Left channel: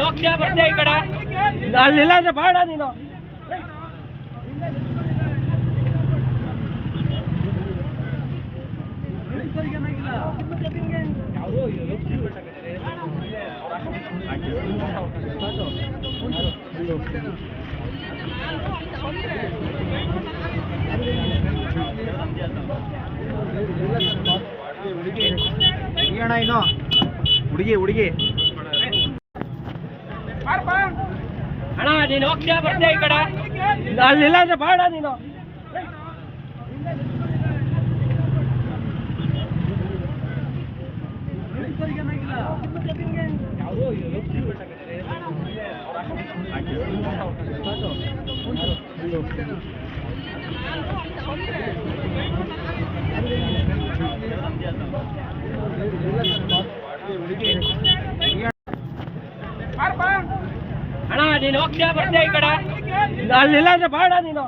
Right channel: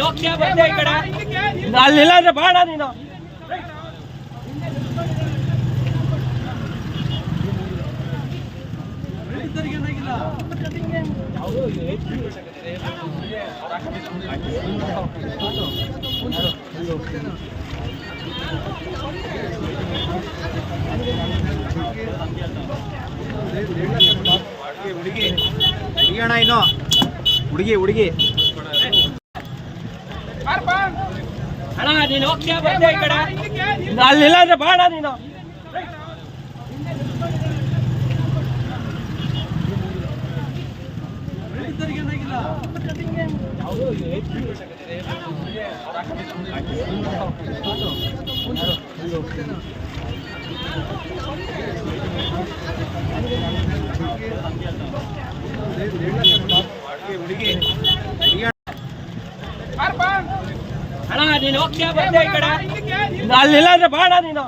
ಹೋಗ್ತೀಯ ಬರ್ತೀಯ ಈ ಕಡೆ? ಅಲ್ಲಿಲ್ಲ ಅಂದ್ರೆ ಬಾಡ ನೀನು. ಹುಡುಗಿ ಹುಡುಗಿಯಣ್ಣ ಇನ್ನು. ಹುಡುಗಿ ಹುಡುಗಿ. ಅಣ್ಣ ನೀನು ಹೋಗ್ತೀಯ ಬರ್ತೀಯ ಈ ಕಡೆ? ಅಲ್ಲಿಲ್ಲ ಅಂದ್ರೆ ಬಾಡ ನೀನು. ಯಾವುದೋ? ಅಣ್ಣ ನೀನು ಹೋಗ್ತೀಯ ಬರ್ತೀಯ ಈ ಅಲ್ಲಿಲ್ಲ ಅಂದ್ರೆ ಬಾಡ ನೀನು.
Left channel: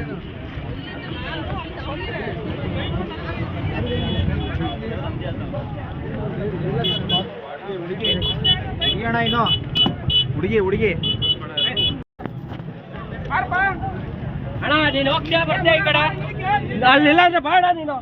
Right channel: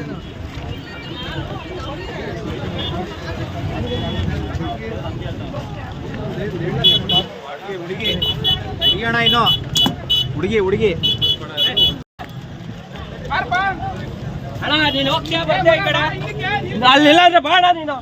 ಹುಡುಗಿ ಹುಡುಗಿಯಣ್ಣ ಇನ್ನು. ಹುಡುಗಿ ಹುಡುಗಿ. ಅಣ್ಣ ನೀನು ಹೋಗ್ತೀಯ ಬರ್ತೀಯ ಈ ಕಡೆ? ಅಲ್ಲಿಲ್ಲ ಅಂದ್ರೆ ಬಾಡ ನೀನು.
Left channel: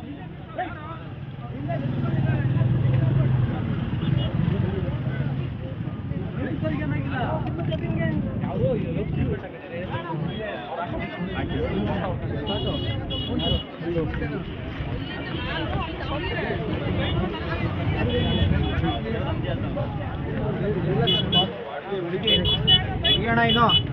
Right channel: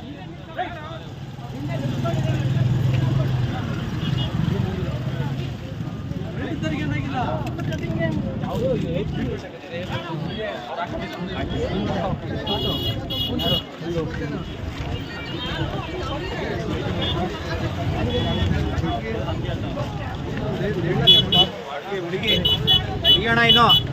ಹುಡುಗಿ ಹುಡುಗಿಯಣ್ಣ ಇನ್ನು